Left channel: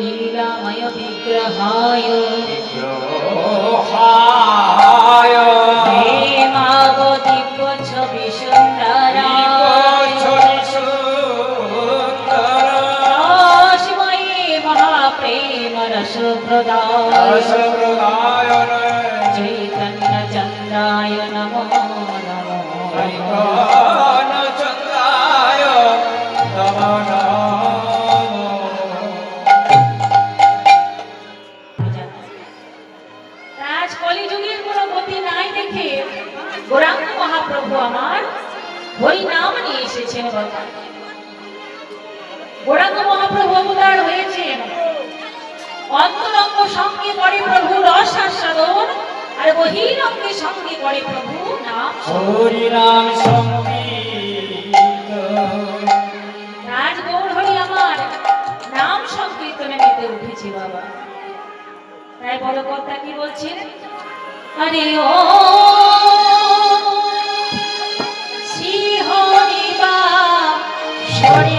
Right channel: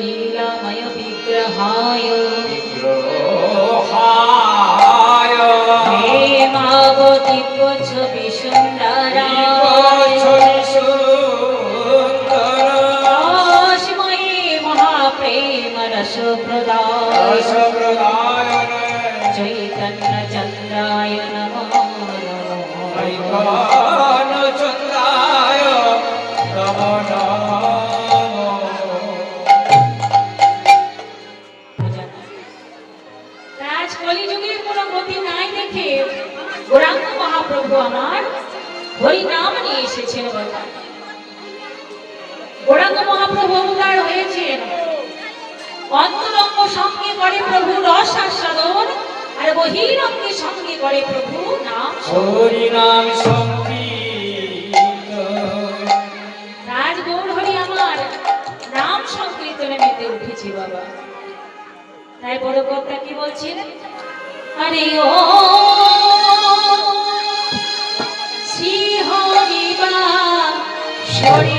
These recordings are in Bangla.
लीलामय विग्रहाय हे मागो दिव्य छवि सुंदराय शिवाय महाप्रेम रस प्रदाय चैतन्य चंद्राय नमो গৌরাঙ্গ মহাপ্রভু আমার হরি নাম নিয়ে এসেছেন। গৌরাঙ্গ মহাপ্রভু অবতার হয়েছেন, অন্তরঙ্গ সঙ্গে করে প্রভু রস আস্বাদন, আর বহিরঙ্গে সঙ্গে করে প্রভু নাম হরি নাম সংকীর্তন। রাজ গৌর হরি আমার নাম সংকীর্তনে মেতে উঠেছে বাবা। তাই বড় কথা কি বলছেন, আরে ও Shorty.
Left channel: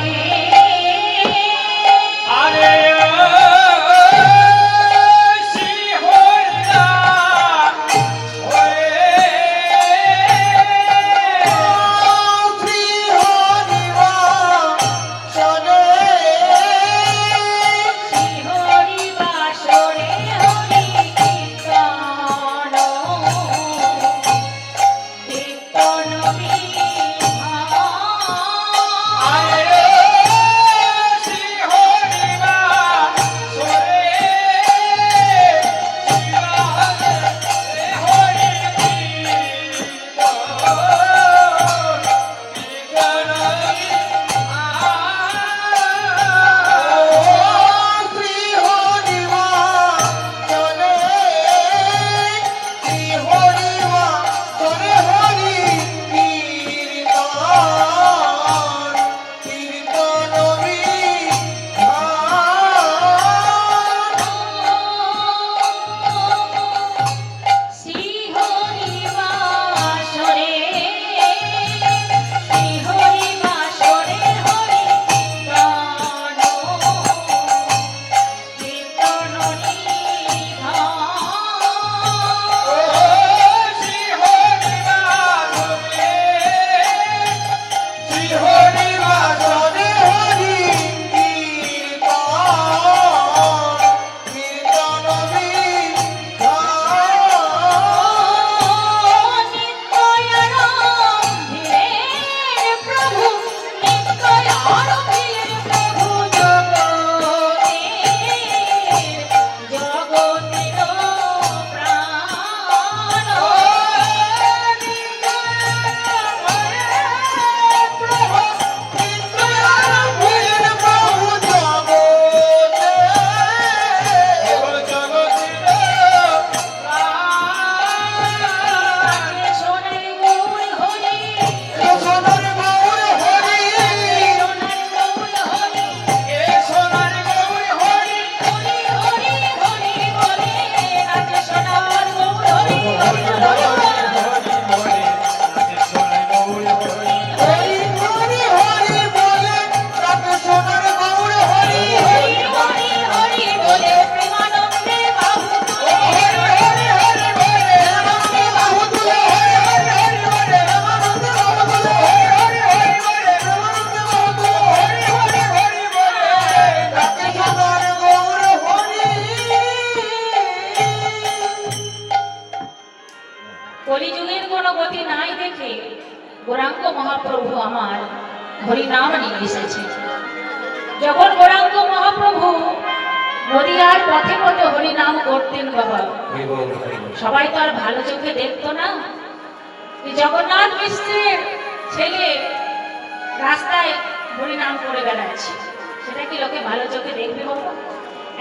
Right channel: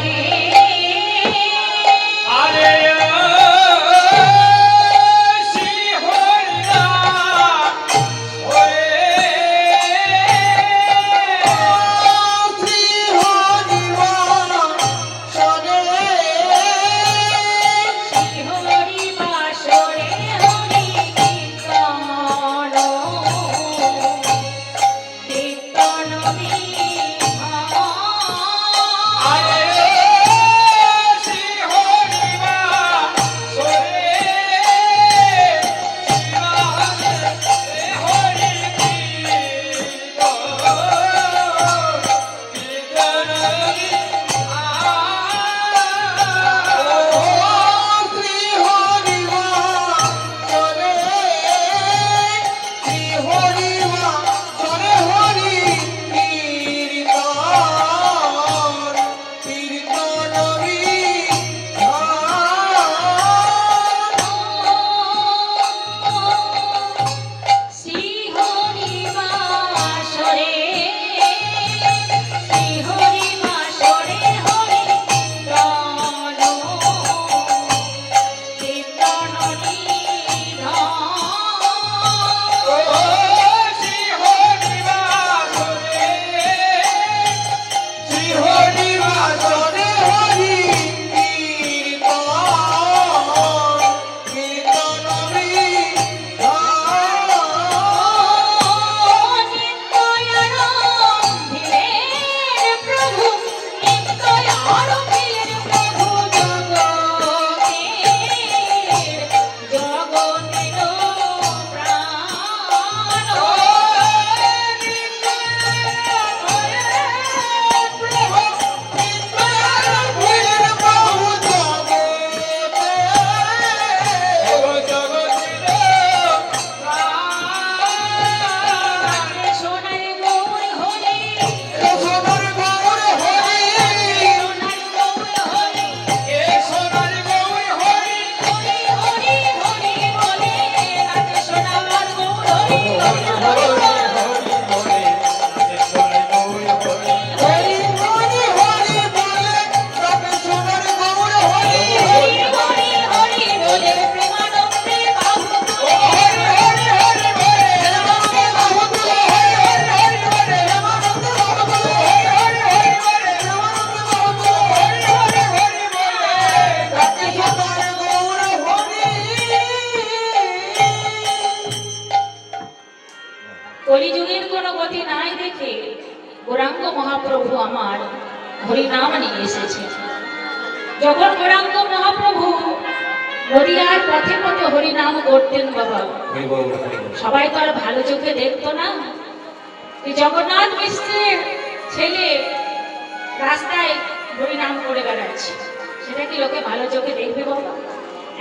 কলিযুগের কোন গতি নাই দেখে গৌরাঙ্গ মহাপ্রভু আমার হরি নাম নিয়ে এসেছে। যখন গৌরাঙ্গ মহাপ্রভু নদিয়ার পথে পথে হরি নাম করতেন বাবা, সবাই তো আর ভালো চোখে দেখতো না। জগন্নাথ মিশ্রের ছেলে রাস্তায় হরি নাম করে বেড়াচ্ছে, সেটা কি লোকে ভালো চোখে দেখবে বাবা?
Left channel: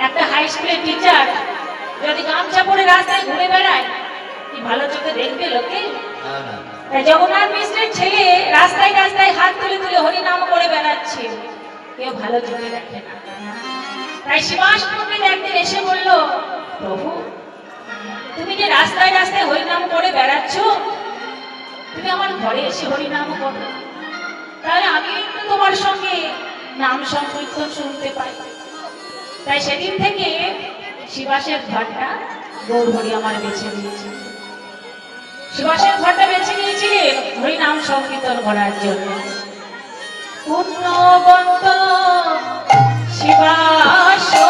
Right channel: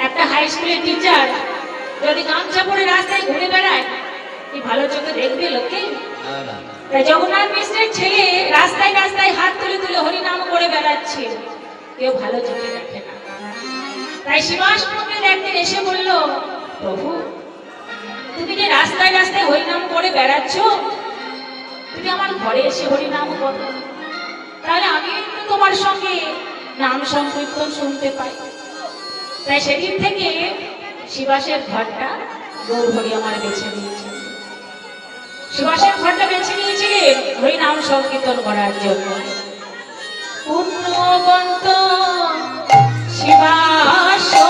একটা হাই স্কুলের টিচার যদি গামছা পরে রাস্তায় ঘুরে বেড়ায়, কি ভালো চোখে দেখবে লোকে? তাই জগন্নাথ মিশ্রের ছেলে রাস্তায় রাস্তায় হাত তুলে তুলে হরি নাম করে বেড়াচ্ছে, কেউ ভালো চোখে দেখে না। তাই শিবাস প্রভুর একদিন এসে বলল, প্রভু তুমি যে রাস্তায় রাস্তায় হরি নাম করে বেড়াচ্ছ, তুমি আমার ঘরে এসে হরি নাম করো, তাহলে আমি একটু তোমার সঙ্গে নাম সংকীর্তন শুনতে পাই। তাই সেদিন থেকে শিবাসের ঘরটা গৌরহরি আমার বেছে নিয়েছে। শিবাসের ঘরটা বেছে নিয়েছিলেন হরিনাম সংকীর্তন করার জন্য। পুণ্যবন্ত শিবাশয়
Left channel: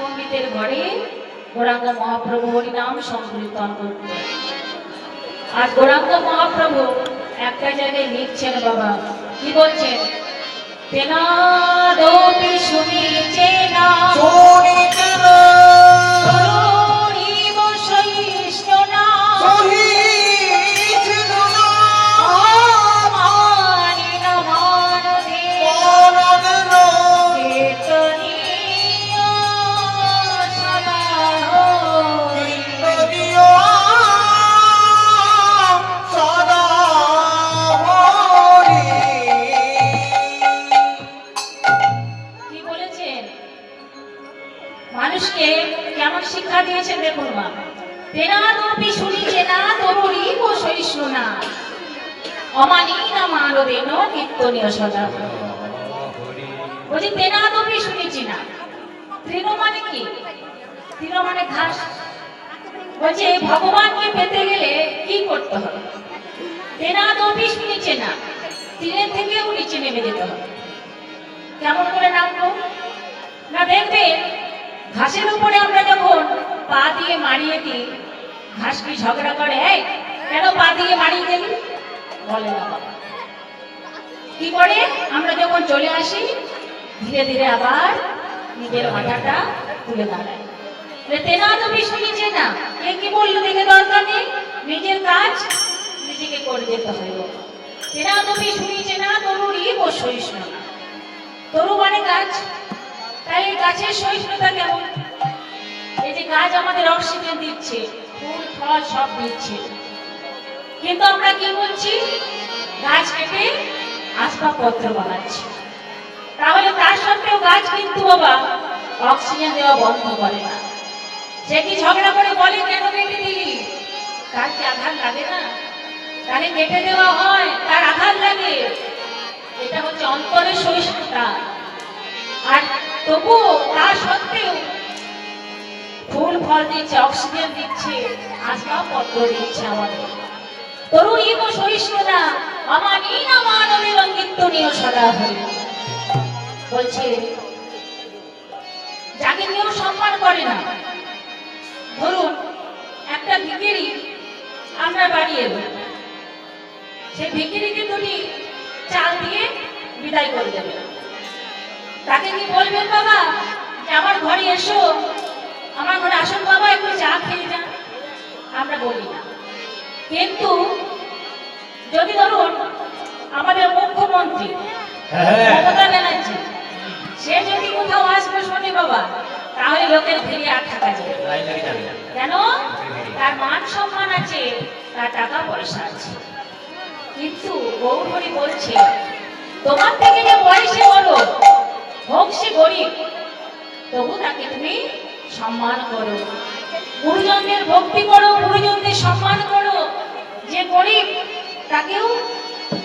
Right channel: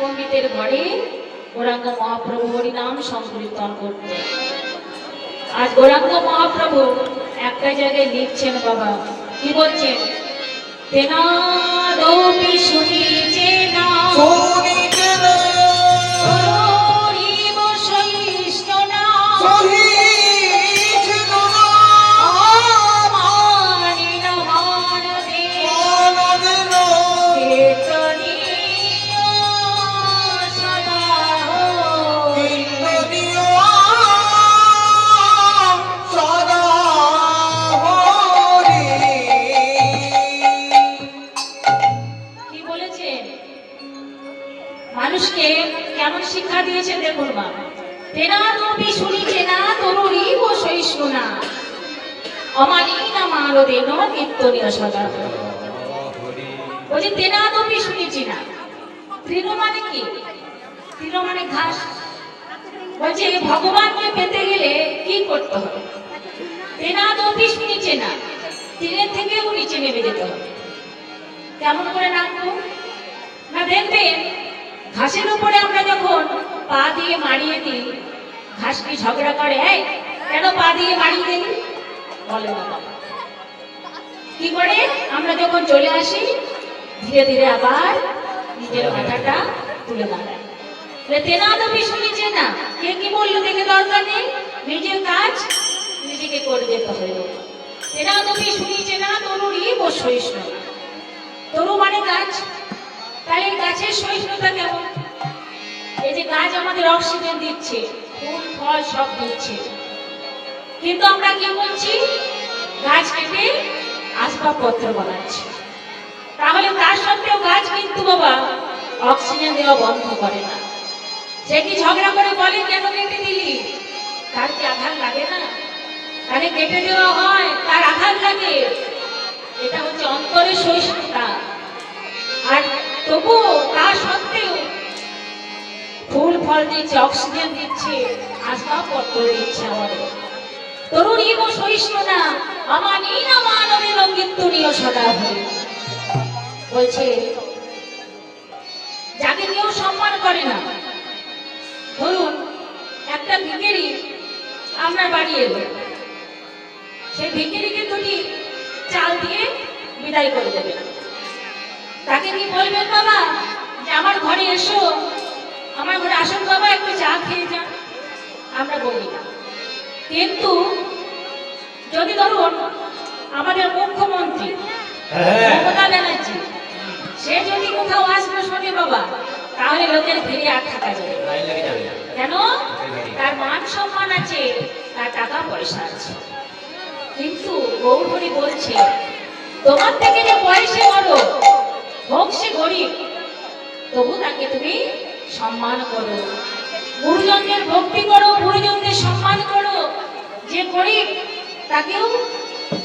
পণ্ডিতের ঘরে গৌরাঙ্গ মহাপ্রভু হরিনাম সংকীর্তন করতেন। আজ গৌরাঙ্গ মহাপ্রভু একটা জায়গায় লিখছেন বাবা, কি বলছেন? তেনাদপি শুনিছে না হরিব সহিষ্ণুনা মানিনা মানদে চেতনী মানুষকে কেমন শিক্ষা দিয়েছেন দেখুন মা। তেনাদপি শুনিছে না তরুরীব সহিষ্ণুনা অমানিনা মানদেন নিত্যনীয় সদা। বলছি তেনাদপি শুনেছি না। তৃণ মানে কি? তৃণ মানে ঘাস। বলছে ভগবানকে পেতে গেলে কি করতে হবে? তেনাদপি শুনেছে না, তৃণের থেকেও নিচে নেমে যেতে হবে। কেমন করে নামবো না? দেখবেন ঘাসের উপরে আমরা যখন পা দিয়ে মারিয়ে দিই, ঘাস কি ঝগড়া করে? কেন পা দিয়ে মারিয়ে দিই বলে না। কি করে? আমরা যখন চলে আসি ধীরে ধীরে আবার নিজের মাথাটা তুলে দাঁড়ায়। তেনাদপি শুনেছে না, কে কি বললো দেখে দরকার নেই, নিজের কাজ নিজেকে করে যেতে হবে। তেনাদপি শুনেছে না তরুরীব সহিষ্ণুনা। তরু মানে গাছ। তাই গাছের সহিষ্ণুতা কেমন? এই যে গাছ আমাদের অক্সিজেন দিচ্ছে, ফুল ফল সব দিচ্ছে, কিন্তু আমরা কি বলছি? গাছ কেটে আসবাবপত্র বানাচ্ছি। তাহলে তার সত্ত্বেও গাছ কিন্তু বাবা অক্সিজেন দেওয়া বন্ধ করে না। সে কি ঝগড়া করে বলে কেন কেটে দিলি? তার কি আঘাত লাগে না? তাকে কেটে দেওয়া হয়, তার আঘাত লাগে। এটা হচ্ছে অন্তরের সহিষ্ণুতা। আর তবু তা সত্ত্বেও ফুল ফল দিচ্ছে, অক্সিজেন দিচ্ছে, আসবাবপত্র দিচ্ছে আমাদের। তরুণীব সহিষ্ণুনা অমানিনা মানদেন নিত্যনীয় সদা হরি। বলছে যাকে কেউ সম্মান করে না, ধরুন একটা ভিখারি আমরা বাড়ি এলো, সে ভিখারিকে দুটি চাল দিয়ে বিদায় করে দেবে। তাকে কি বলবেন বাবা যে আমার ঘরে এসো, আমার ঘরে আসুন বাবা, একটু চা খেয়ে যান? আমরা বলি না। কিন্তু যদি ধরুন আমাদের মুখ্যমন্ত্রী মমতা ব্যানার্জি, সে যদি কোথাও আসবে, শোনে বাবা লোকের ভিড়ে আর থাকা যায় না। কেন? তার মান সম্মান আছে, তার টাকা পয়সা আছে। কিন্তু গৌরহরি বলছে তোমার থেকে যে বয়সে বড় হোক সে গরিব, তবু তাকে তুমি সম্মান করো, গুরুজনদের ভক্তি করো, গুরুজনদের সম্মান করো। যে গরিব তাকেও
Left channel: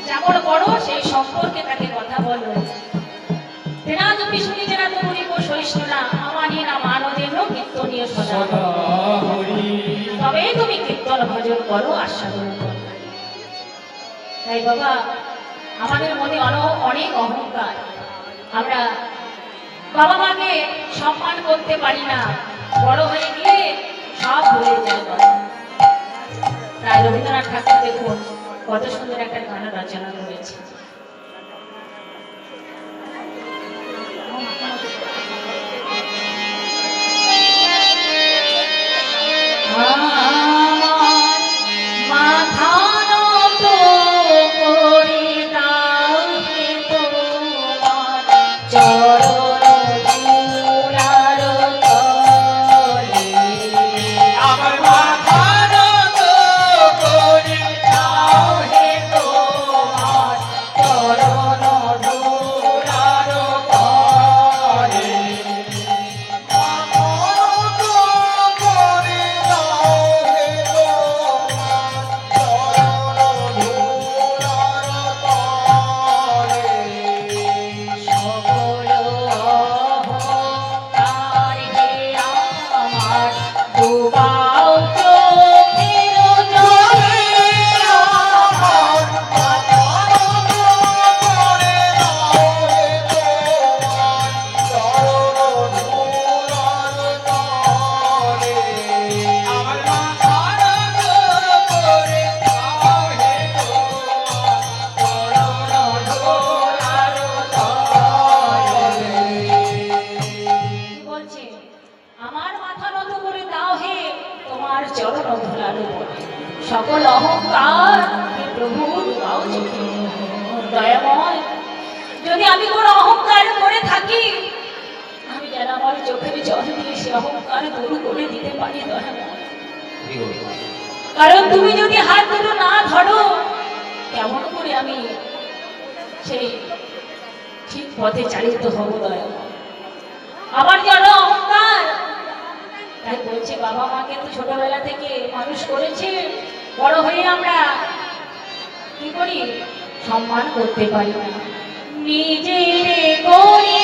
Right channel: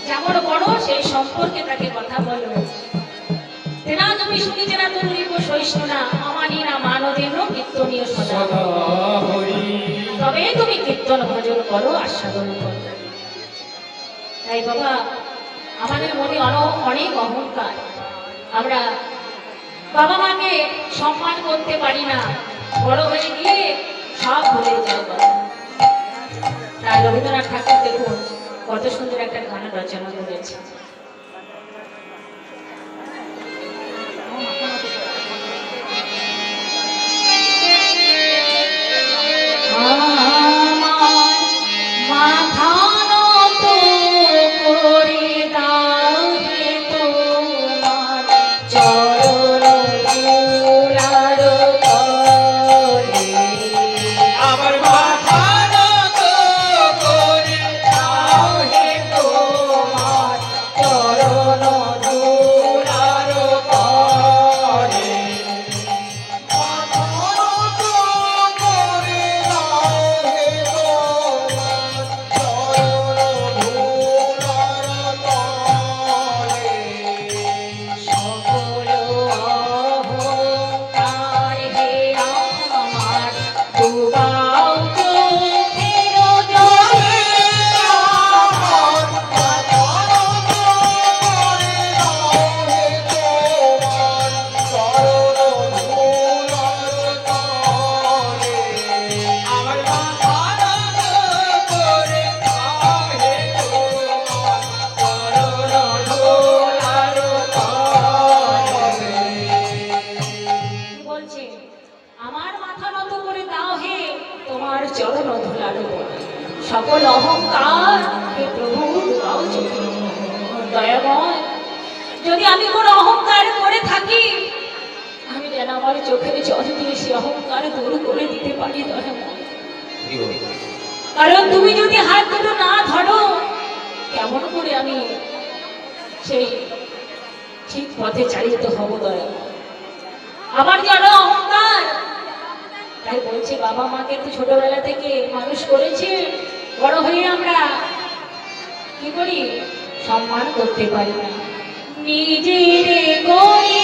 যেমন বড় সেই সম্পর্কে তাকে কথা বলো। তেনা তুমি শুনি তেনা তুমি সহিষ্ণু না আমানি না মানদের কীর্তনীয় সদা, তবে তুমি কীর্তন ভজন করো, আস্বাদন করো। তাই বাবা, আমাদের মনে অনেক অহংকার, আমরা বাবা মাকে সম্মান করতে পারি না, বড় হয়ে গিয়ে সব ভুলে যাব। তাই রবীন্দ্রনাথ ঠাকুর দেখুন কত সুন্দর একটা গান রচনা করেছে। সকল অহংকার প্রভু দয়াময়, যদি আমি কোনো অহংকার করে থাকি, আমি যেন আমার চোখের জল দিয়ে সে অহংকার দূর করে দিতে পারি দয়াময়। কারণ তুমি যদি হাত দুটো না ধরো, কেমন করে আমি সেই ঠিক পথে চালিত হব দয়াময়। আমার যারা অহংকার, তাই বলছে বাবা মাকে তো ছোটবেলা থেকে মানুষ করেছে, বড় হয়ে আমরা কি করি? সম্মান করতে পারি না। নিজেরে গড়ি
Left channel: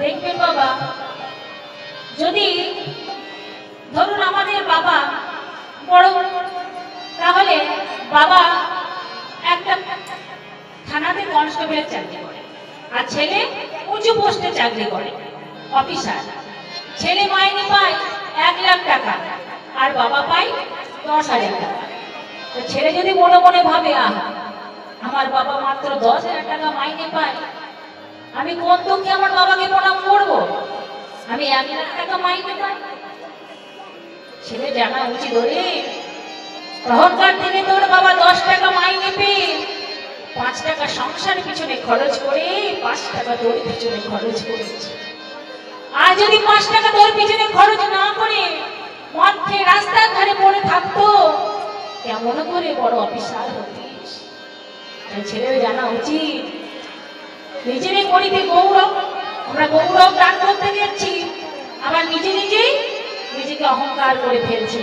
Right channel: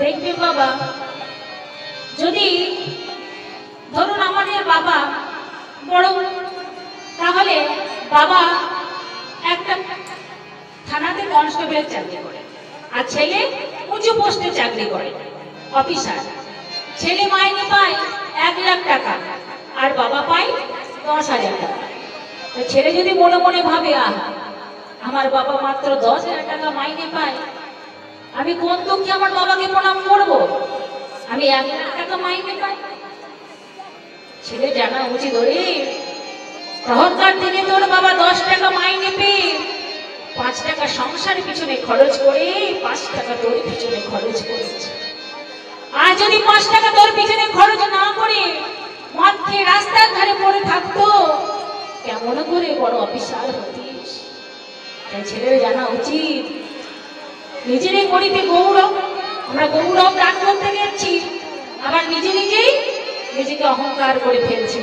দেখবে বাবা, যদি ধরুন আমাদের বাবা বড়, তাহলে বাবা একটা থানাতে কনস্টেবলের চাকরি করে, আর ছেলে উঁচু পোস্টে চাকরি করে, অফিসার। ছেলে মাইনে পায় 1 লাখ টাকা, আর বাবা পায় 10,000 টাকা। তো ছেলে যদি মনে মনে ভাবে আমার বাবা মাত্র 10,000 টাকা মাইনে পায়, আমি কোন দুঃখে আমার বাবাকে প্রণাম করবো? আমি 1 লাখ টাকা মাইনে পাই। ছেলে জানা উচিত, ওরে তখনকার দিনে তোর বাবা 10 টাকা মাইনে পেয়ে 5 টাকা সংসারের পিছনে খরচ করে 5 টাকা তোর পিছনে খরচ করেছে। আর যদি 5 টাকা তোর পিছনে খরচ না করে মধ্যে রাস্তার ধারে পড়ে থাকতো, কেমন মনে করে বড় অফিসার হতিস। তাই ছেলের জানা উচিত নিজেরই করিতে গৌরব। আমরা গৌরব দান করতে গেছি, আবার নিজেই নিজেকে অহংকার করে ফেলছি।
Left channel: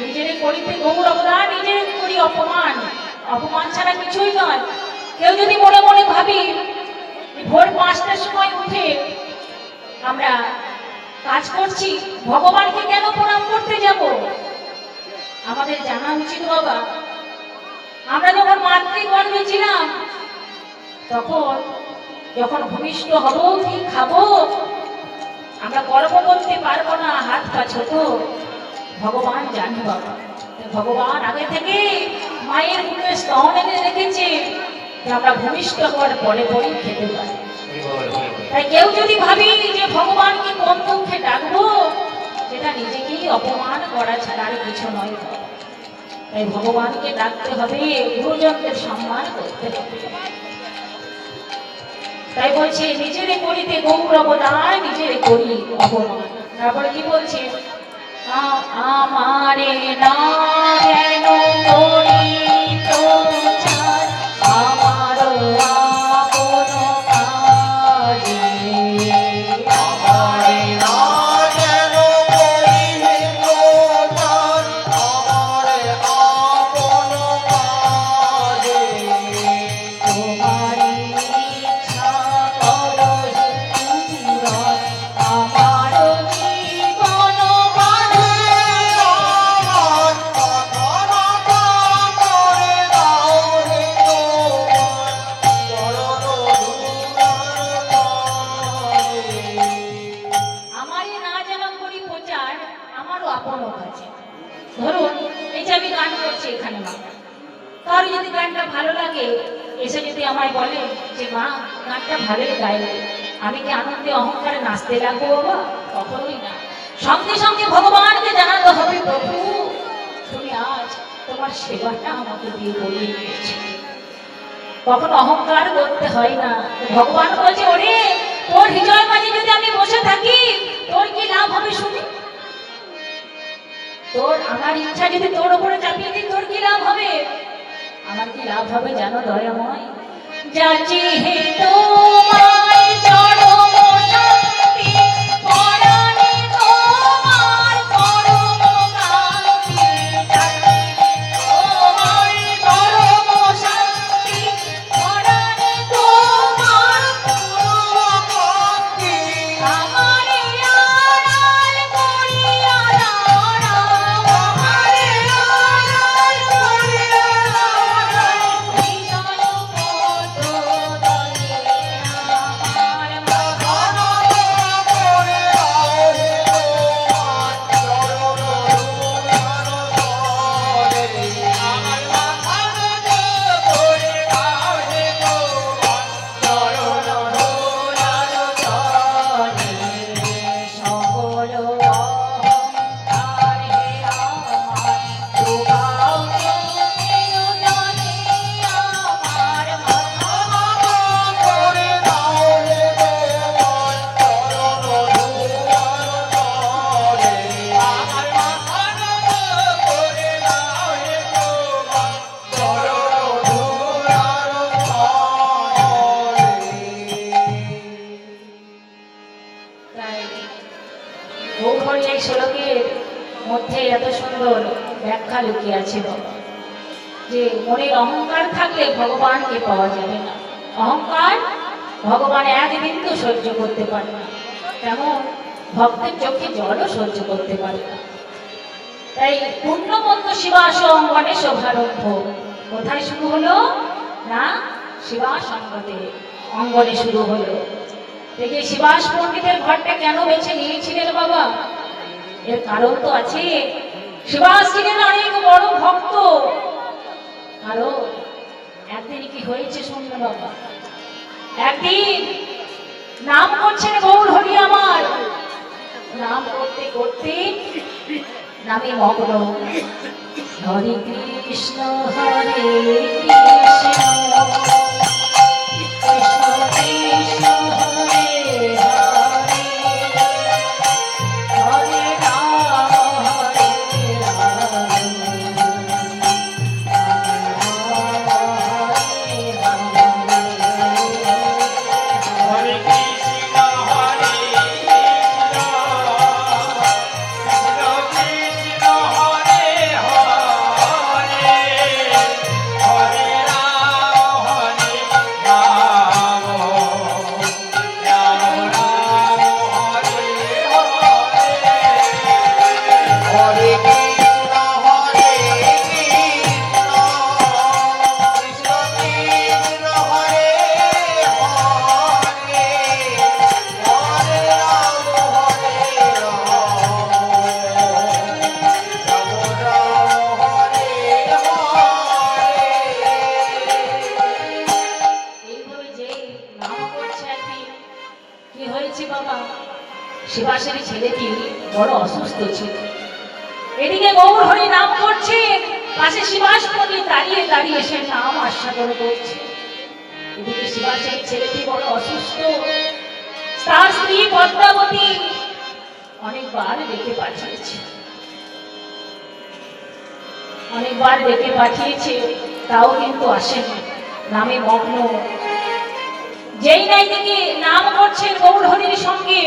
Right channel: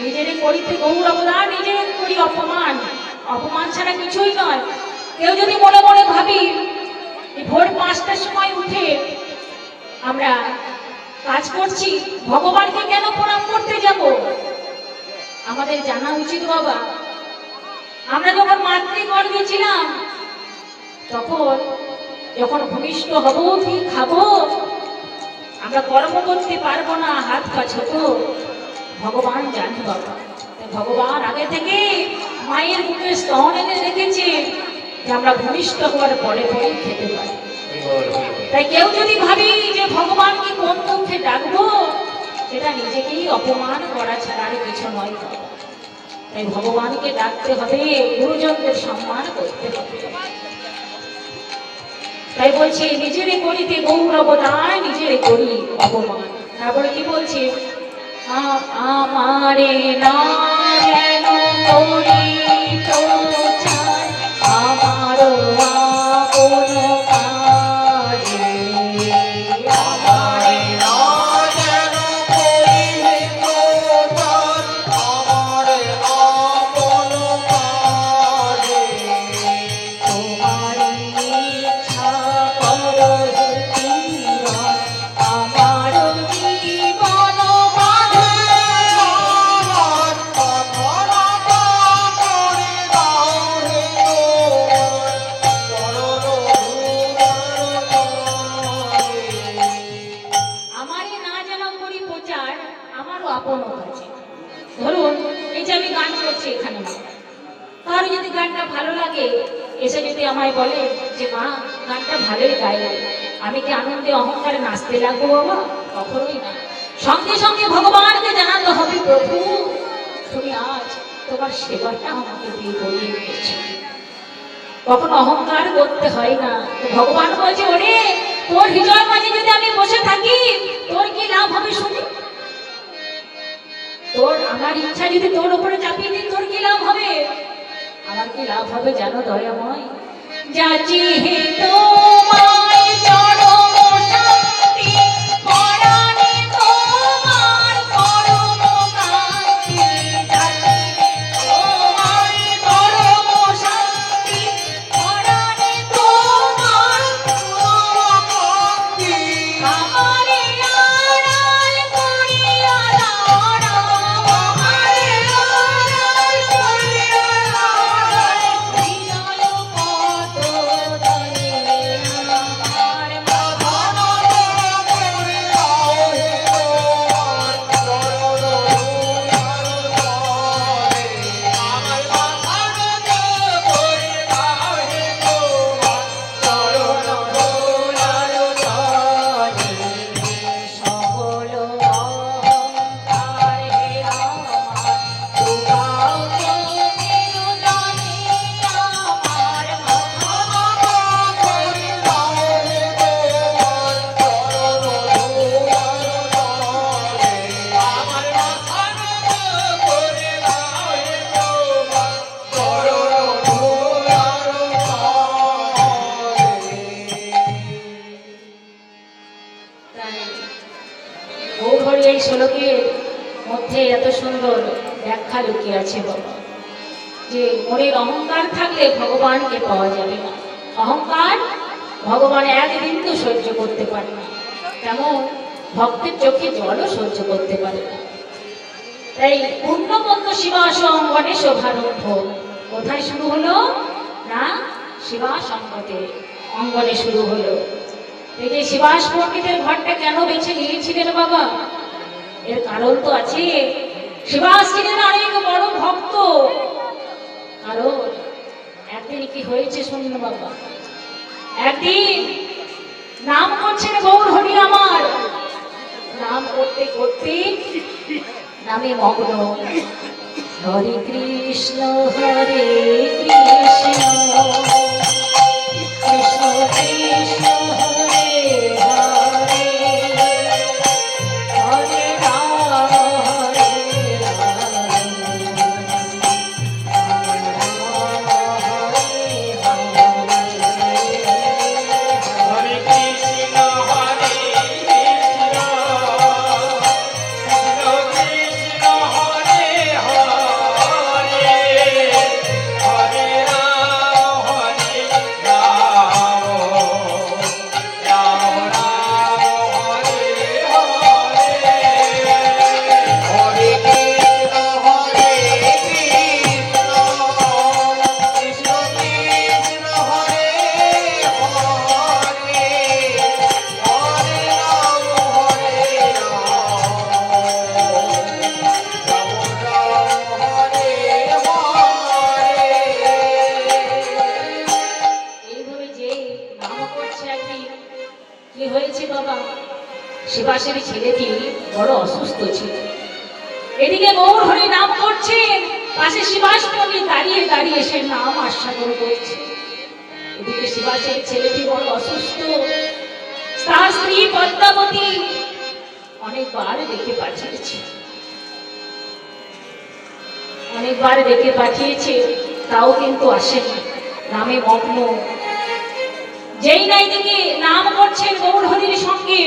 নিজের করিতে গৌরব না, নিজের করি অপমান। অপমান ছাড়া কিছুই নয়। কেউ যদি মনে মনে ভাবি ভোর 5টার সময় উঠে আমরা কাজ করছি, ভগবানকে কেন প্রণাম করতে যাব? আমাদের জানা উচিত বাবা, আমরা যখন মাতৃগর্ভে ছিলাম, তখন যখন ভূমিষ্ঠ হব কি খাবো, আমরা কর্ম করতে পারবো না, হাত পা ছোট, ভগবান জানি বাবা। ভগবান আগে থেকে মায়ের মুখে স্তন এনে রেখেছে যে আমরা ভূমিষ্ঠ হওয়ার পরে পরেই খেতে পারি। তাই কেউ যদি ভাবি যে ভগবানকে কোন দুঃখে ডাকবো, এটা নিজেকেই অপমান করা ছাড়া আর কিছু নয়। তাই ভগবানকে ডাকতে হবে, গুরুজনদের সম্মান করতে হবে। তাই বলছে নিজেরই করিতে গৌরব না, নিজের করি অপমান। তারপরে কি বলছে, আমারে না যেন করি প্রচার, আমারও আপন কাজে। আমারে না যেন করি প্রচার, আমারে আপন কাজে। তোমার ইচ্ছা করো জীবন, আমারও জীবন বাঁধে। আমার কথা করে দাও রে আমারই না যেন করি প্রচার, আমারও আপন কাছে। ধরুন এই যে আমি গান করছি এখানে, কারো যদি গানটা ভালো লাগে, এসে যদি আমায় বলে যে মা গানটা ভালোই গাইলে, আমি কি আনন্দে অহংকারে নাচতে লাগবো বাবা? কখনোই না। সঙ্গে সঙ্গে ভগবানকে জানাতে হবে, প্রভু তুমি আজ তোমার সেবাটা আমাকে দিয়ে বলিয়ে দিয়েছো। কখনো অহংকার করতে হয় না। ভগবান বলছে, ওরে তোর হৃদয় মাঝে যদি আমি বসে থাকি, তোর কি লাভ হবে শুনি? তোর আমার ইচ্ছা যদি তোর উপরে চাপিয়ে দিই, তোর কি লাভ হবে? আমার কি লাভ হবে জানো দয়াময়? যাচি হে তোমায় চরম শান্তি, পরাণে তোমার পরম কান্তি। তোমার পরম শান্তি, পরাণে তোমার পরম কান্তি। আমারে আড়াল করিয়া দাঁড়াও, আমারে আড়াল করিয়া দাঁড়াও। হৃদয় কত দলে আমার মন করে দাও হে তোমার গৌহরি এই শ্লোকের মধ্যে এত সুন্দর ব্যাখ্যা লুকিয়ে আছে যে মনের অহংকার থাকলে ভগবানকে পাওয়া যাবে না। অহংকার ভগবান এক বিন্দু সহ্য করতে পারে না, তেমন ভক্তের চোখে জলও সহ্য করতে পারে না। তাই পূর্ণবন্ত শিবাসম গণেশ ভারম্ভ কোথায় শুরু হলো না? শিবাস অঙ্গনে শুরু হলো। এই যে শিবাস পণ্ডিতের ঘরটা কেন বেছে নিয়েছিলেন বাবা? এর কারণ তো আছে। শিবাস ছিলেন অনেক বড় ভক্ত। কারণ একদিন কি হয়েছে শুনুন বাবা। একদিন নাম করছেন গৌর হরি আমার, নাম করতে করতে নামে মগ্ন। হরে কৃষ্ণ হরে কৃষ্ণ, কৃষ্ণ কৃষ্ণ হরে হরে, হরে রাম হরে রাম, শিবাসের ছেলেটি বড় অসুস্থ ছিল। এদিকে গৌর হরি নাম করছে, পাশে শিবাস পণ্ডিত দাঁড়িয়ে দাঁড়িয়ে সে নাম আস্বাদন করছে। এদিকে শিবাসের ছেলেটি বড় অসুস্থ। তার স্ত্রী পদ্মাবতী অনেকবার ডেকে পাঠিয়েছে, অনেকবার ডেকে পাঠিয়েছে, তাও কিন্তু আসেনি, নামে মগ্ন। যেই নাই দিকে নাম করছে গৌর হরির সঙ্গে,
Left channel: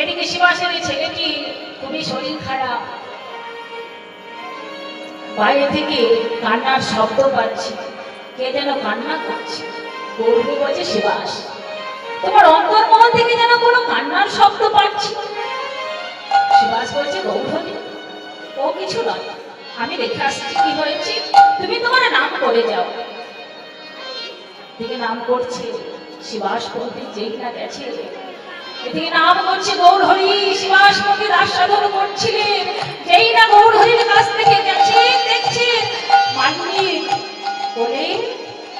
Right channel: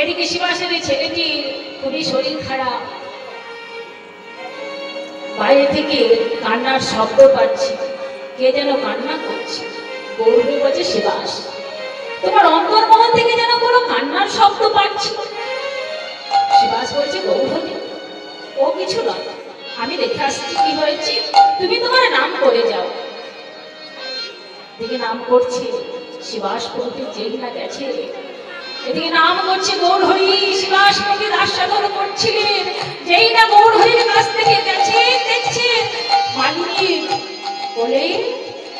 এদিকে শিবাসের ছেলেটি খুবই শরীর খারাপ। বাইরে থেকে কান্নার শব্দ পাচ্ছে, কে যেন কান্না করছে। গৌর হরি বলছে, শিবাস তোমার অন্তর্মহল থেকে যেন কোনো কান্নার শব্দ পাচ্ছি। শিবাস বলছে, গৌর হরি ও কিছু নয়, আমি দেখে আসছি কি হয়েছে, তুমি তোমার নাম করে যাও। এদিকে নাম করছে শিবাস পণ্ডিত, যেই না গেছে এদিকে নাম করছে গৌর হরি। শিবাস পণ্ডিত আস্বাদন করছিলেন, যেই না গৌর হরির কাছ থেকে গেছে, দেখছে মালিনী বলে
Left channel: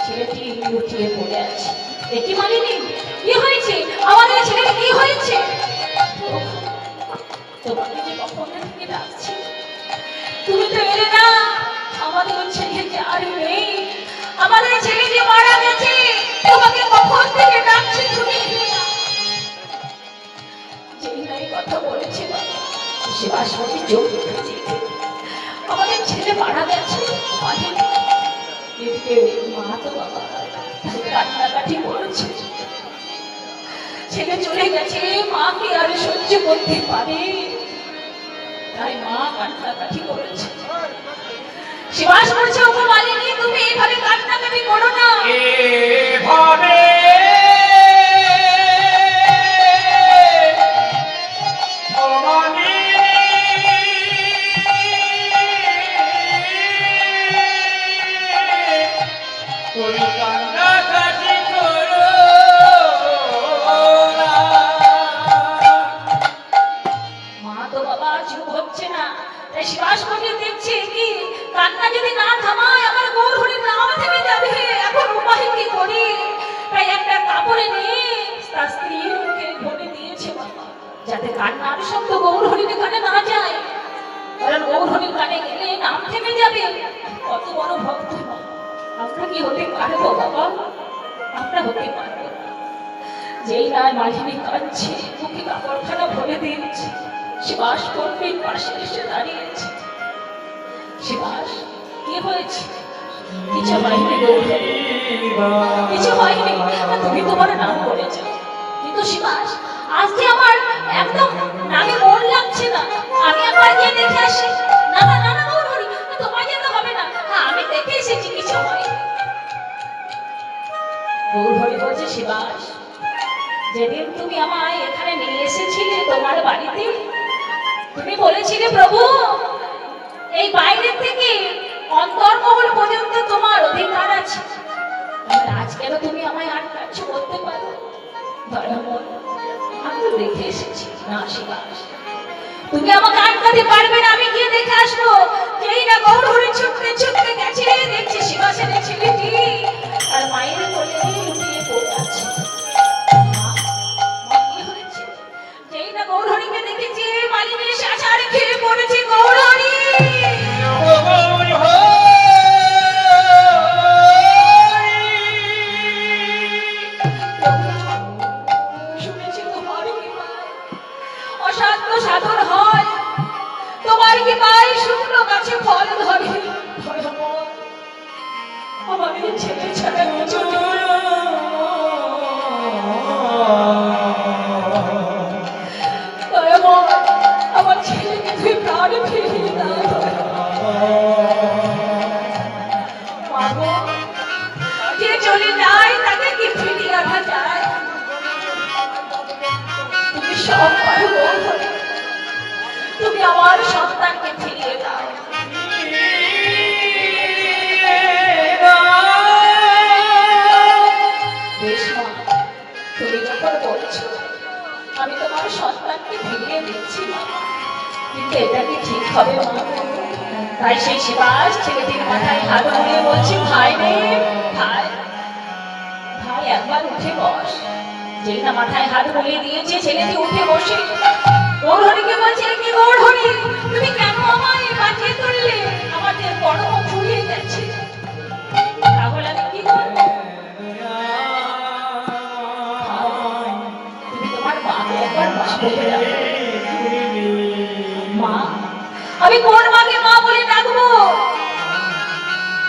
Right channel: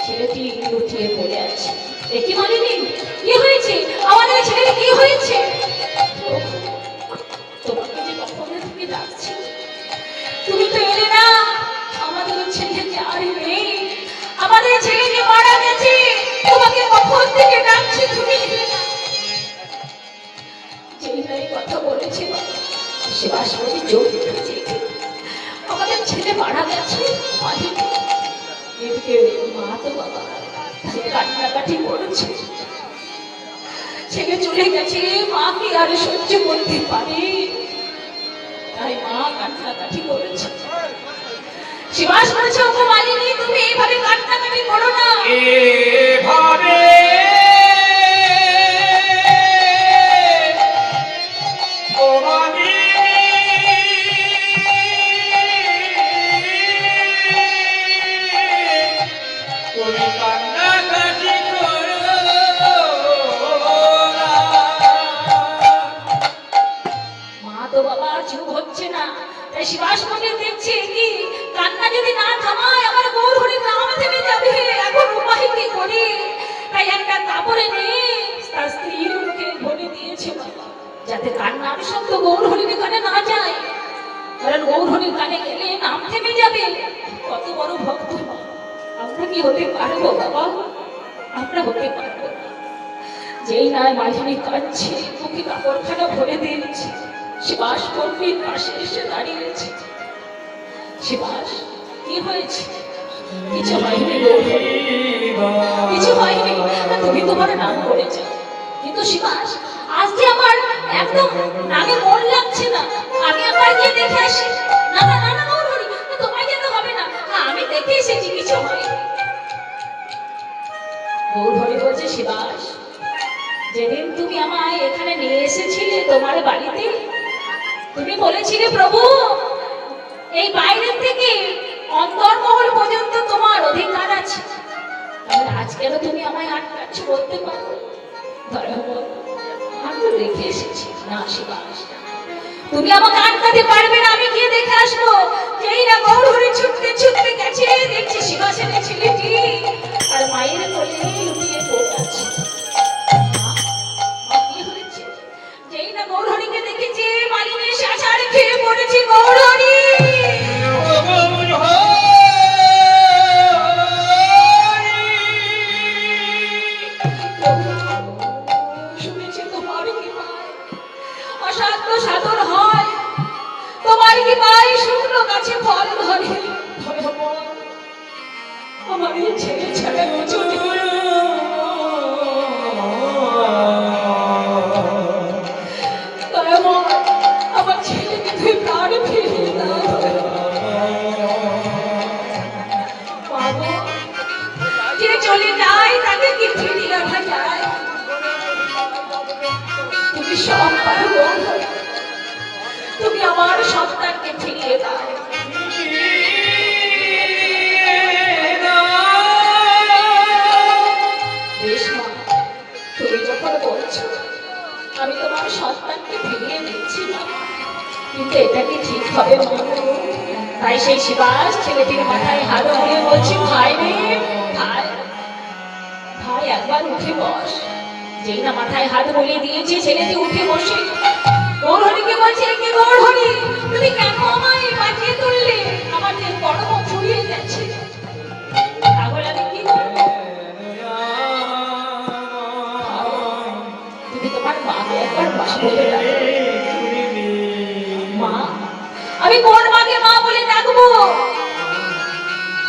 ছেলেটি লুটিয়ে পড়ে আছে। দেখি মালিনী কি হয়েছে, আমাদের ছেলের কি হয়েছে? তোমাকে যে কখন থেকে ডাকছি, তুমি তো এলে না। আমাদের ছেলে যে আর নেই, আমাদের ছেলে যে মারা গেছে, তোমাকে কখন থেকে ডাকছি, তুমি এলে না। যেই নাই কথা বলেছে শিবাস বলে চোখ দেখেছে, আমাদের ছেলে মারা গেছে। এদিকে মা তো বাবা কান্নাকাটি করেছে, ছেলে চলে গেছে, মা কি আর সহ্য করতে পারে, তাই মা কান্নাকাটি করেছে। শিবাস বলছে, ওগো মালিনী তুমি এইভাবে কান্নাকাটি করো না। এভাবে ও মালিনী তুমি কান্নাকাটি করো না। মা তো বাবা চুপ হচ্ছে না, তাই শিবাস পণ্ডিত দেখছে কি কান্না যদি না থামায় আমার গৌর হরির নাম থেমে যাবে, এখন উপায় কি করি। তাই একটা কাপড়ে নিয়ে তার স্ত্রীর মুখে ভরে দিয়েছে যাতে কান্নার শব্দ গৌর হরির কানে না যায়, কারণ গৌর হরির কানে গেলে নাম থেমে যাবে। কত বড় ভক্ত আমরা কি হতে পারবো বাবা, আমরা হতে পারবো না। যেই না মাঝিনী কাঁদছে, মুখে কাপড়খানা ভরে দিয়েছে, শিবাস পণ্ডিত পাশে এসে দাঁড়িয়েছে। শিবাস কি হয়েছে? কিছু হয়নি গৌর হরি, কিছু হয়নি, তুমি তোমার নাম করেছ। কিন্তু শিবাস আজ যে আমার একদম নামে মন লাগছে না, আমি একবার গিয়ে দেখে আসি। না না না না গৌর হরি, তোমার যেতে হবে না, আমি দেখে এসেছি, কিছু হয়নি। গৌর হরি বলছে, শিবাস যেদিন তুমি আমায় এখানে নিয়ে এসেছিলে তোমার বাড়িতে, তুমি বলেছিলে প্রভু এই বাইরে থেকে অন্তর্মহল পর্যন্ত তোমার অধিকার আছে, তাহলে আজকেও তুমি আমায় আটকাচ্ছ বলতে পারো? আমি তো দেখে এসেছি। না শিবাস তুমি আমাকে আটকাতে পারবে না, আমি গিয়ে দেখে আসবো। যেই না গৌর হরি ছুটতে ছুটতে গেছে, দেখছি শিবাসের ছেলেটি আর মায়ের কোলে লুটিয়ে পড়ে আছে। যেই না গৌর হরিকে দেখেছি, মালিনী শাসারে খেয়ে পড়েছি। গৌর হরি শুনেছি তোমার কি পায় অসাধ্য সাধন হয়, তোমার কি পায় শুকনো গাছে ফল ধরে। আমাদের ছেলে ছাড়া চলে আমার ছেলেকে তুই প্রাণ ফিরিয়ে দাও। যে চলে যায় তাকে কি ফিরিয়ে আনা যায়? তুমি সব পারো, তুমি আমার সন্তানকে ফিরিয়ে দাও। বেশ মা, তুমি যখন বলছো আমি তোমার সন্তানকে ফিরিয়ে দিচ্ছি, কিন্তু এটা কি ঠিক হবে মা? তাই সেই শিবাস ছেলেটির মাথায় হাত দিয়ে বলছি, ভাই রে ভাই, ভাই একবার উঠে বস। যেই না মাথায় হাত বলিয়ে দিয়েছে, ছেলেটি উঠে বসে গৌরহরিকে বলছিলে কি গৌরহরি তুমি কেন আমায় বাঁচিয়ে তুললে আমার যে বড় ফুরিয়ে গেছে তাহলে আমি কি করবো তুমি তোমার মাকে একবার মা বলে ডাকো। মা আমি কোন মাকে মা বলে ডাকবো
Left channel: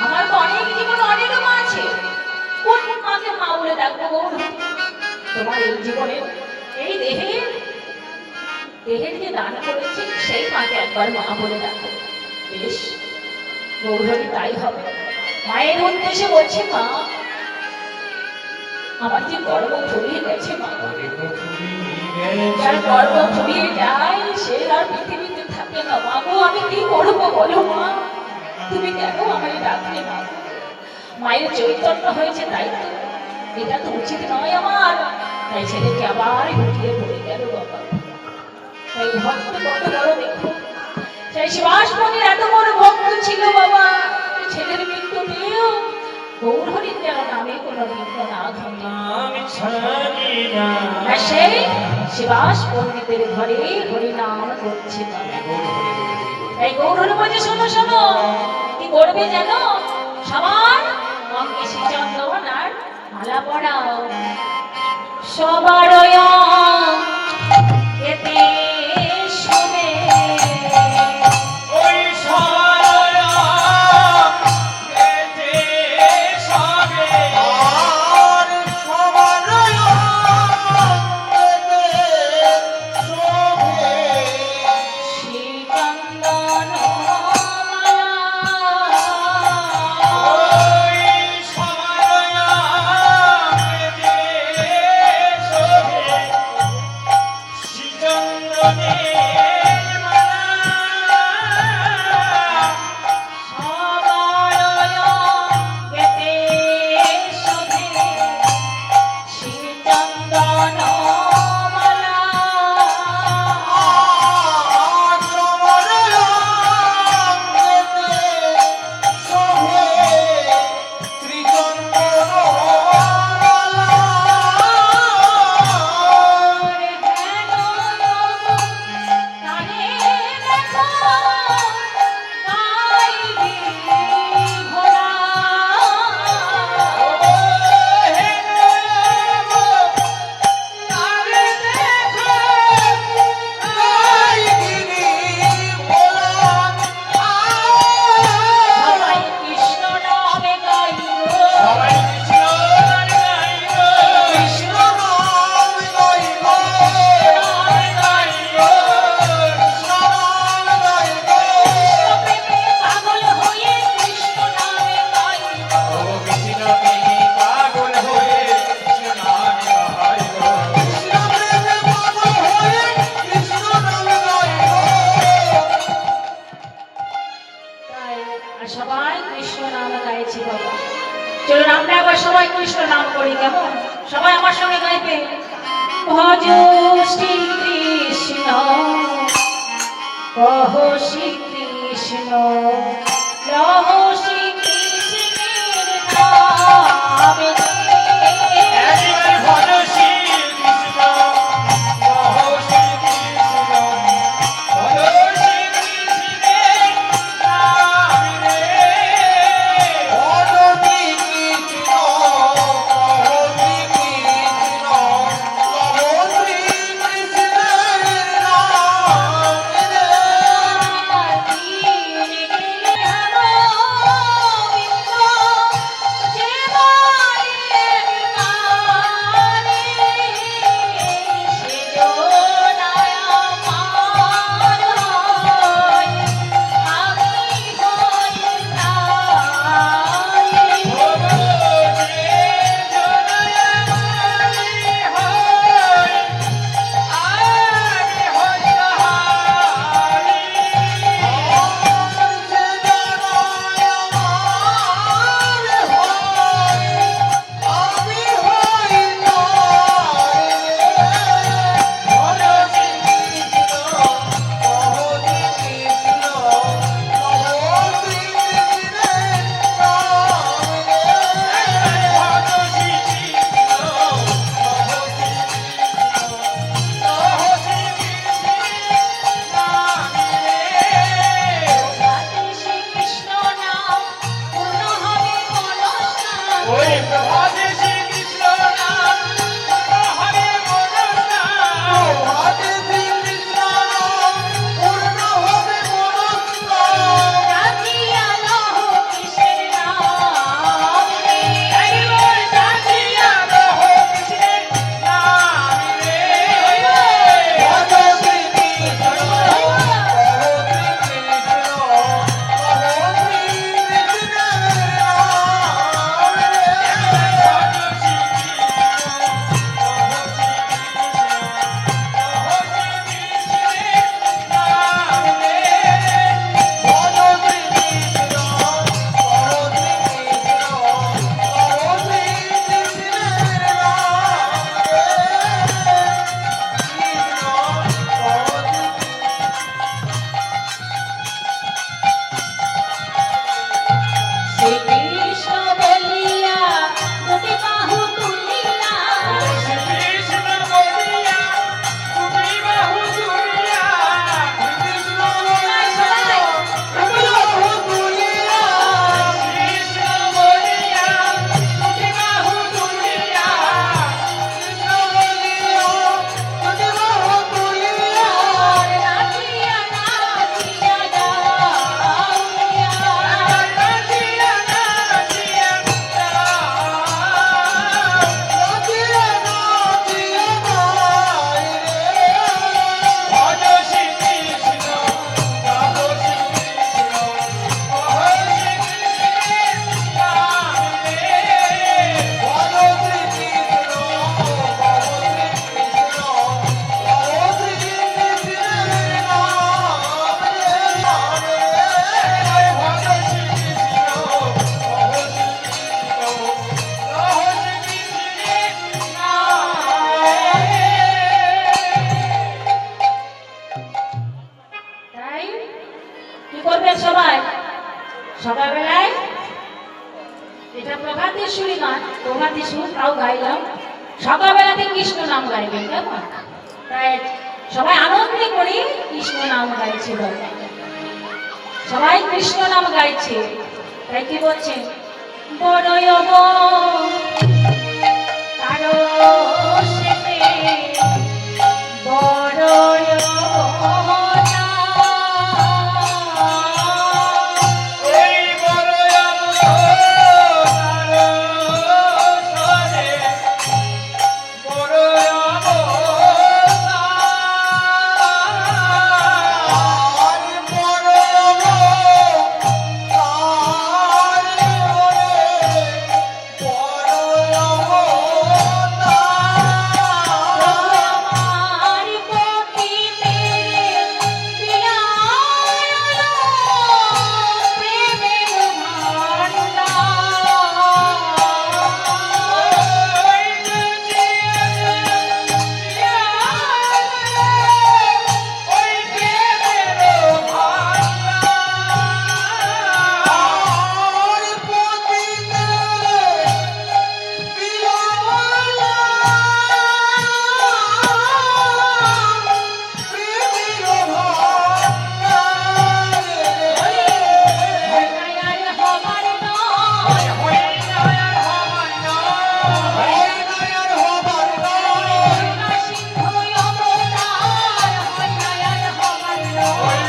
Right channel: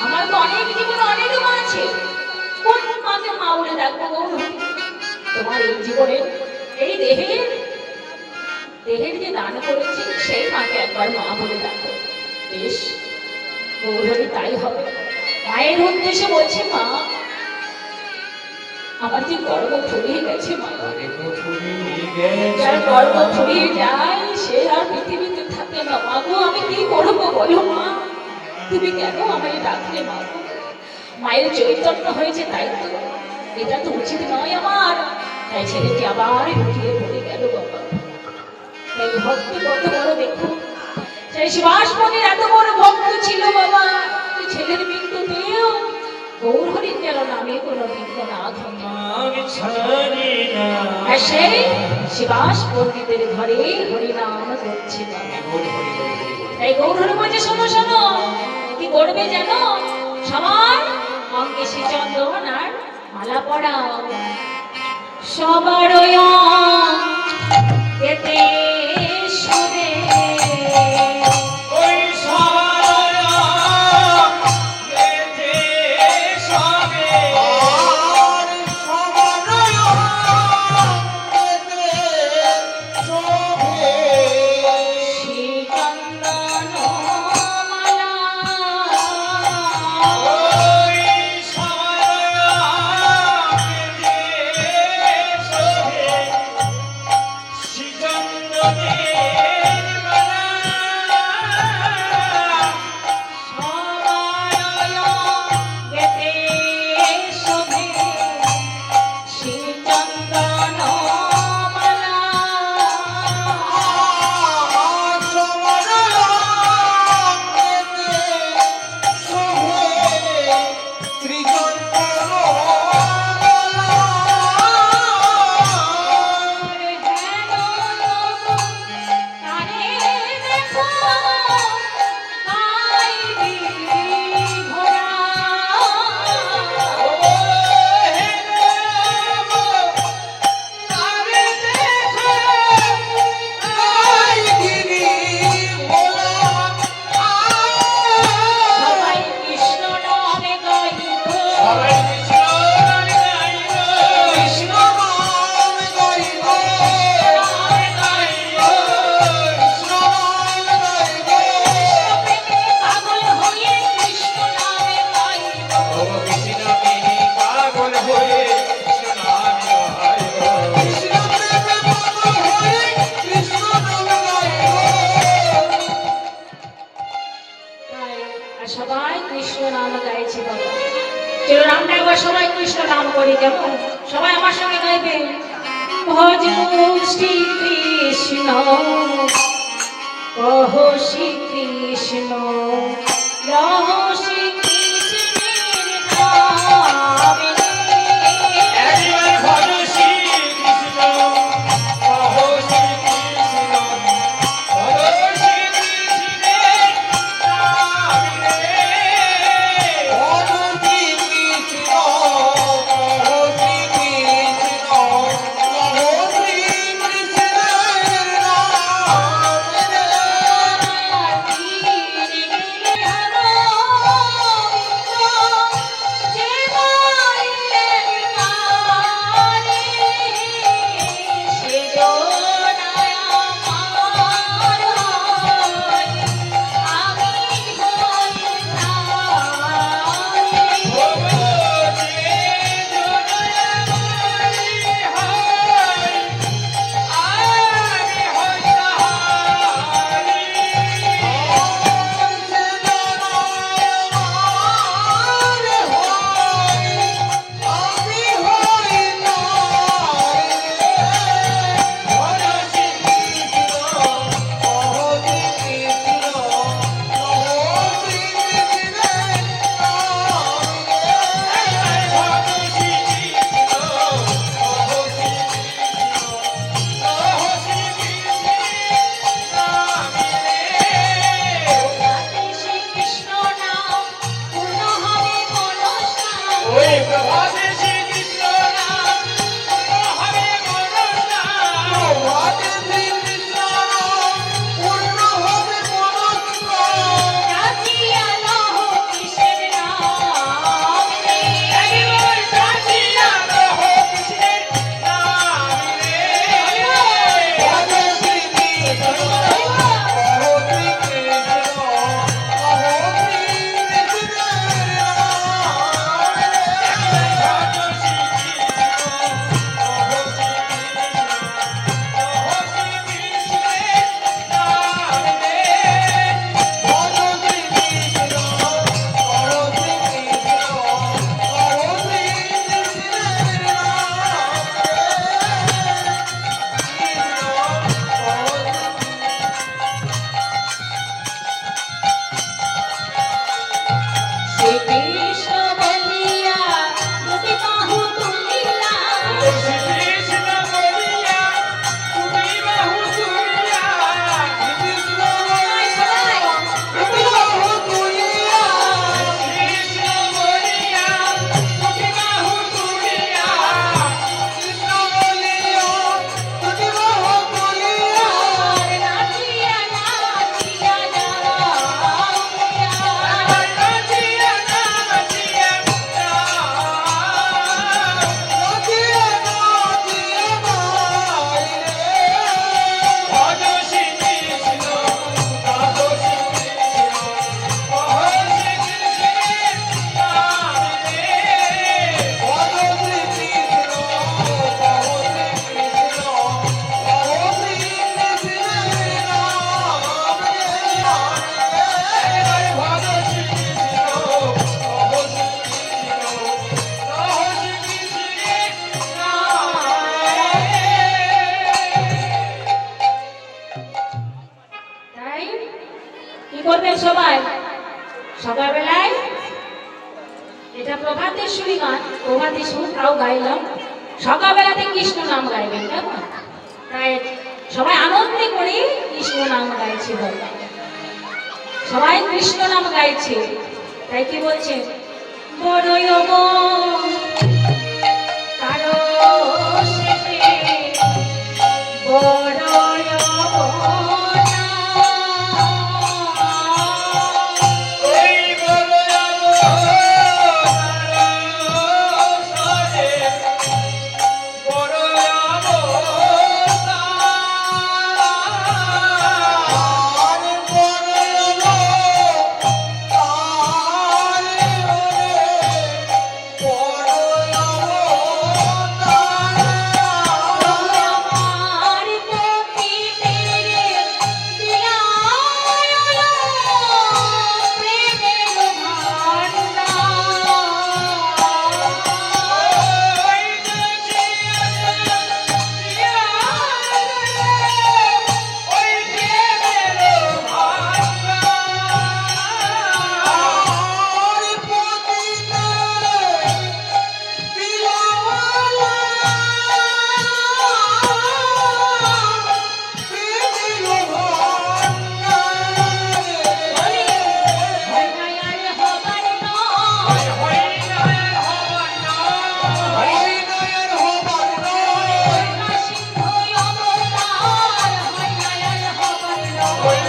আমার তো অনেক জীবনে অনেক মা আছে কোন মাকে মা বলে ডাকবো গৌরহরি তোমার এই জীবনে এই দেহের যে দান করেছি সেই মাকে একবার মা বলে ডাকো বেশ গৌরহরি তাই হবে মায়ের উদ্দেশ্যে বলছে মা আমার যে গর্ব ফুরিয়ে গেছে মা যার গর্ব ফুরিয়ে যায় সে আর পৃথিবীতে থাকে না মা গো আমি কি করবো বলো মা তুমি কেন আমাকে ডাকলে মা মায়ের চৈতন্য হয়েছে তাই তো এটা তো উচিত নয় আমার তাই ছেলেটি আবার লুটিয়ে পড়ে গেল বাবা এই ভক্তি কত বড় দেখুন সেই শিবাসমণির এত বড় ভক্ত ছিল বাবা যে ছেলের মৃত্যুতেও গৌরহরির যেন নামে কোনো বিঘ্ন না ঘটে আর সেই শিবাস পণ্ডিতের ঘরে হরিনাম করছে তাই গৌরহরি বলছে শোনো শোনো কি করবে জানো সবার অঙ্গে শ্রীচন্দন আর মালা পড়াও সবার এতে শুনে ওই সরয়া গেতে সবে আর সরয়া গেতে সবে শ্রীচন্দন মালা ওই সরয়া গেতে সবে শ্রীচন্দনের মালা গেতে শোভে শ্রীচন্দন মালা সবাই কৃষ্ণ নাম গাইছে বাবা চলো আমরা আবার সবাই কৃষ্ণ নাম করি কেমন সবাই আমার সঙ্গে গাইবে ভজ শ্রী কৃষ্ণ কহ শ্রী কৃষ্ণ রহ শ্রী কৃষ্ণের নামে একবার ভজ শ্রী কৃষ্ণ কহ শ্রী কৃষ্ণ ভজ শ্রী কৃষ্ণের নামে ভজ শ্রী কৃষ্ণ কহ শ্রী কৃষ্ণ কহ শ্রী কৃষ্ণের নামে দিন গেলে আমার শ্রীকৃষ্ণ বলিয়া দুটি বাহু তুলিয়া কৃষ্ণ বলিয়া দুটি বাহু তুলিয়া কৃষ্ণ কৃষ্ণ বলিয়া দুটি বাহু তুলিয়া কৃষ্ণ বলিয়া দুটি বাহু তুলিয়া নাচিয়া নাচিয়া যাওয়া নাচিয়া নাচিয়া ভজ শ্রী কৃষ্ণ ভজ শ্রী কৃষ্ণ ভজ শ্রী কৃষ্ণের নাম রে ভজ শ্রী কৃষ্ণ ভজ শ্রী কৃষ্ণ ভজ শ্রী কৃষ্ণের নাম রে ভজ শ্রী কৃষ্ণ ভজ শ্রী কৃষ্ণ ভজ শ্রী কৃষ্ণের তাই কি করবেন সবাই সকালবেলায় এটা প্রভাতের সুরি গান প্রভাতের সুর তাও গাইলাম সকালবেলাতে কৃষ্ণ নাম গাইবেন কেমন তাই সবাই আনন্দে করে কৃষ্ণ নাম গাইছে বলে সবাই কৃষ্ণ নাম গাইছে তাই কি বলছে বড়ই তারো সেতে বড়ই ওই বড় অবতার সরে বড় অবতার বড় আমার পতিতে দিয়ালো প্রেমের ভান্ডার হবার নয় সিংহ অবতার হইনায়ার হবার নয়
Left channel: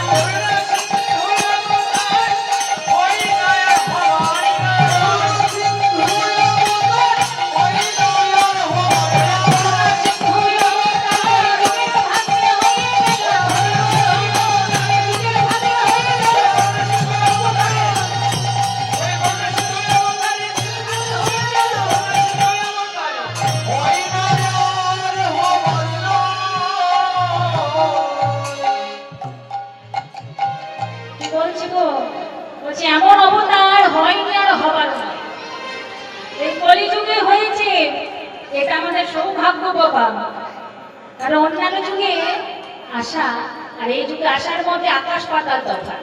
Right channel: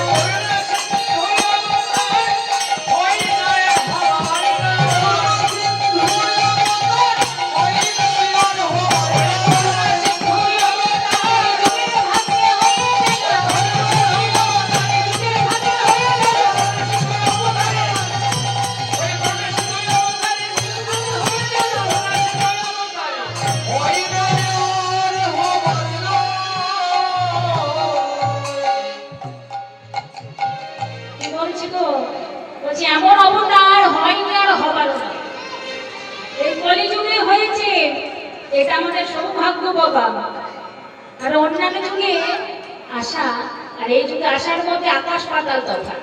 কি বলছি গো বলছি এমন অবতার হয়নি আর হবার না এই কলিযুগে হয়েছে এটা আমাদের সৌভাগ্য বাবা আর অন্যান্য যুগে আসা আর এই যুগে আসার মধ্যে আকাশ পাতাল তফাৎ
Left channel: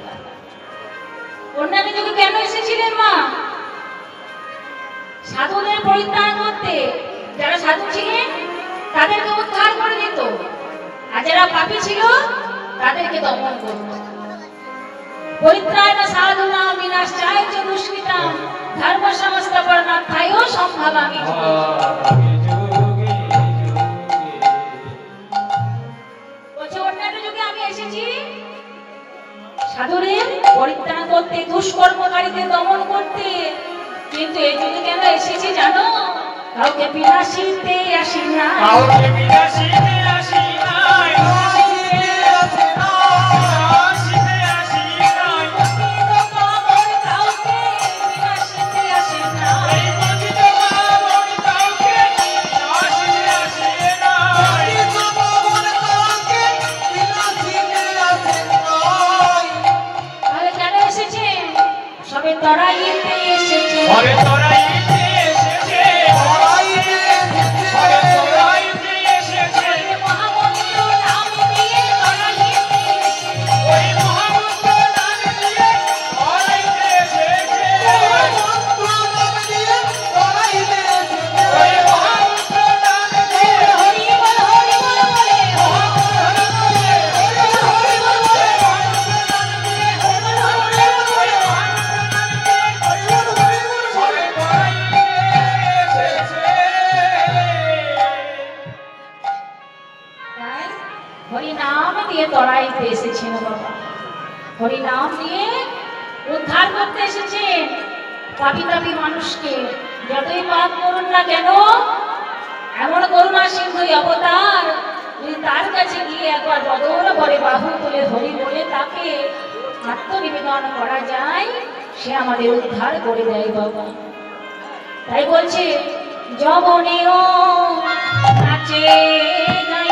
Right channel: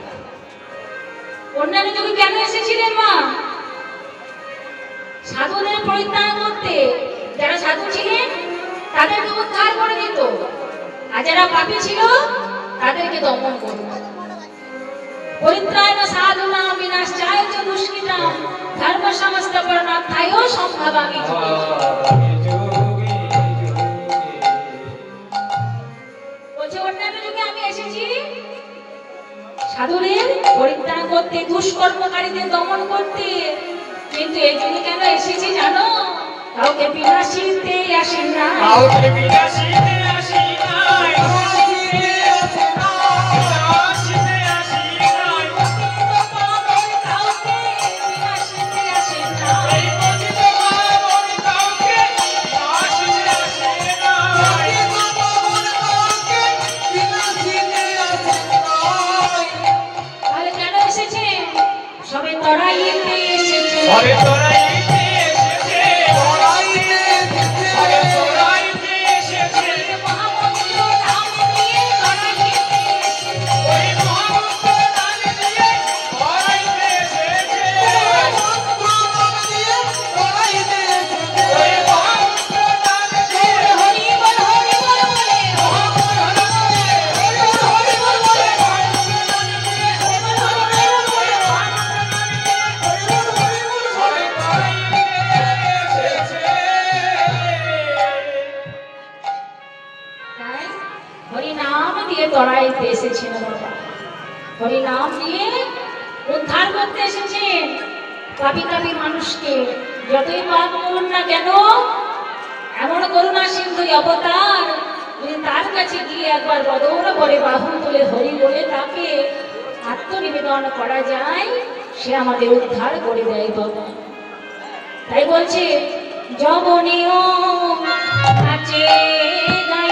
অন্যান্য যুগে কেন এসেছিলেন মা সাধুদের পরিত্রাণ করতে যারা সাধু ছিলেন তাদেরকে উদ্ধার করে দিত আর যারা পাপী ছিল তাদেরকে দমন করত পরিত্রাণ সাধুনাম বিনাশায় চ দুষ্কৃতাম ধর্ম সংস্থাপনার্থায় সম্ভবামি বলছে অন্যান্য যুগে আমি এসেছি সাধুদের পরিত্রাণ করতে দুষ্কর্মকারীদের দমন করতে কিন্তু এই যুগে কেন এসেছি জানো কাউকে বিনাশিতে আসেন না কাউকে বিনাশিতে আসি নাই বিনাশিতে আসি নাই কাউকে বিনাশিতে আসেন না এই পতিত পাবন কাউকে বিনাশিতে আসি নাই তাহলে কেন এসেছে সবে তরাইতে এসেছে ওরে তোরাইতে এসেছে ওরে তোরাইতে এসেছে মহামন্ত্র নাম দিয়ে তরাইতে এসেছে ওই মহামন্ত্র নাম দিয়ে তোরাইতে এসেছে থেকে যতই পাপ করুন না কেন, এমন করুণা সিন্ধু অবতার, যদি তার কাছে গিয়ে একবার বদৌর করে বাহু তুলে হরি বলে তাকে আত্মনিবেদন করা যায়, সে আমাদের উদ্ধার করে দেয় বাবা। তাই বলছে যবনীয় নাচে নাই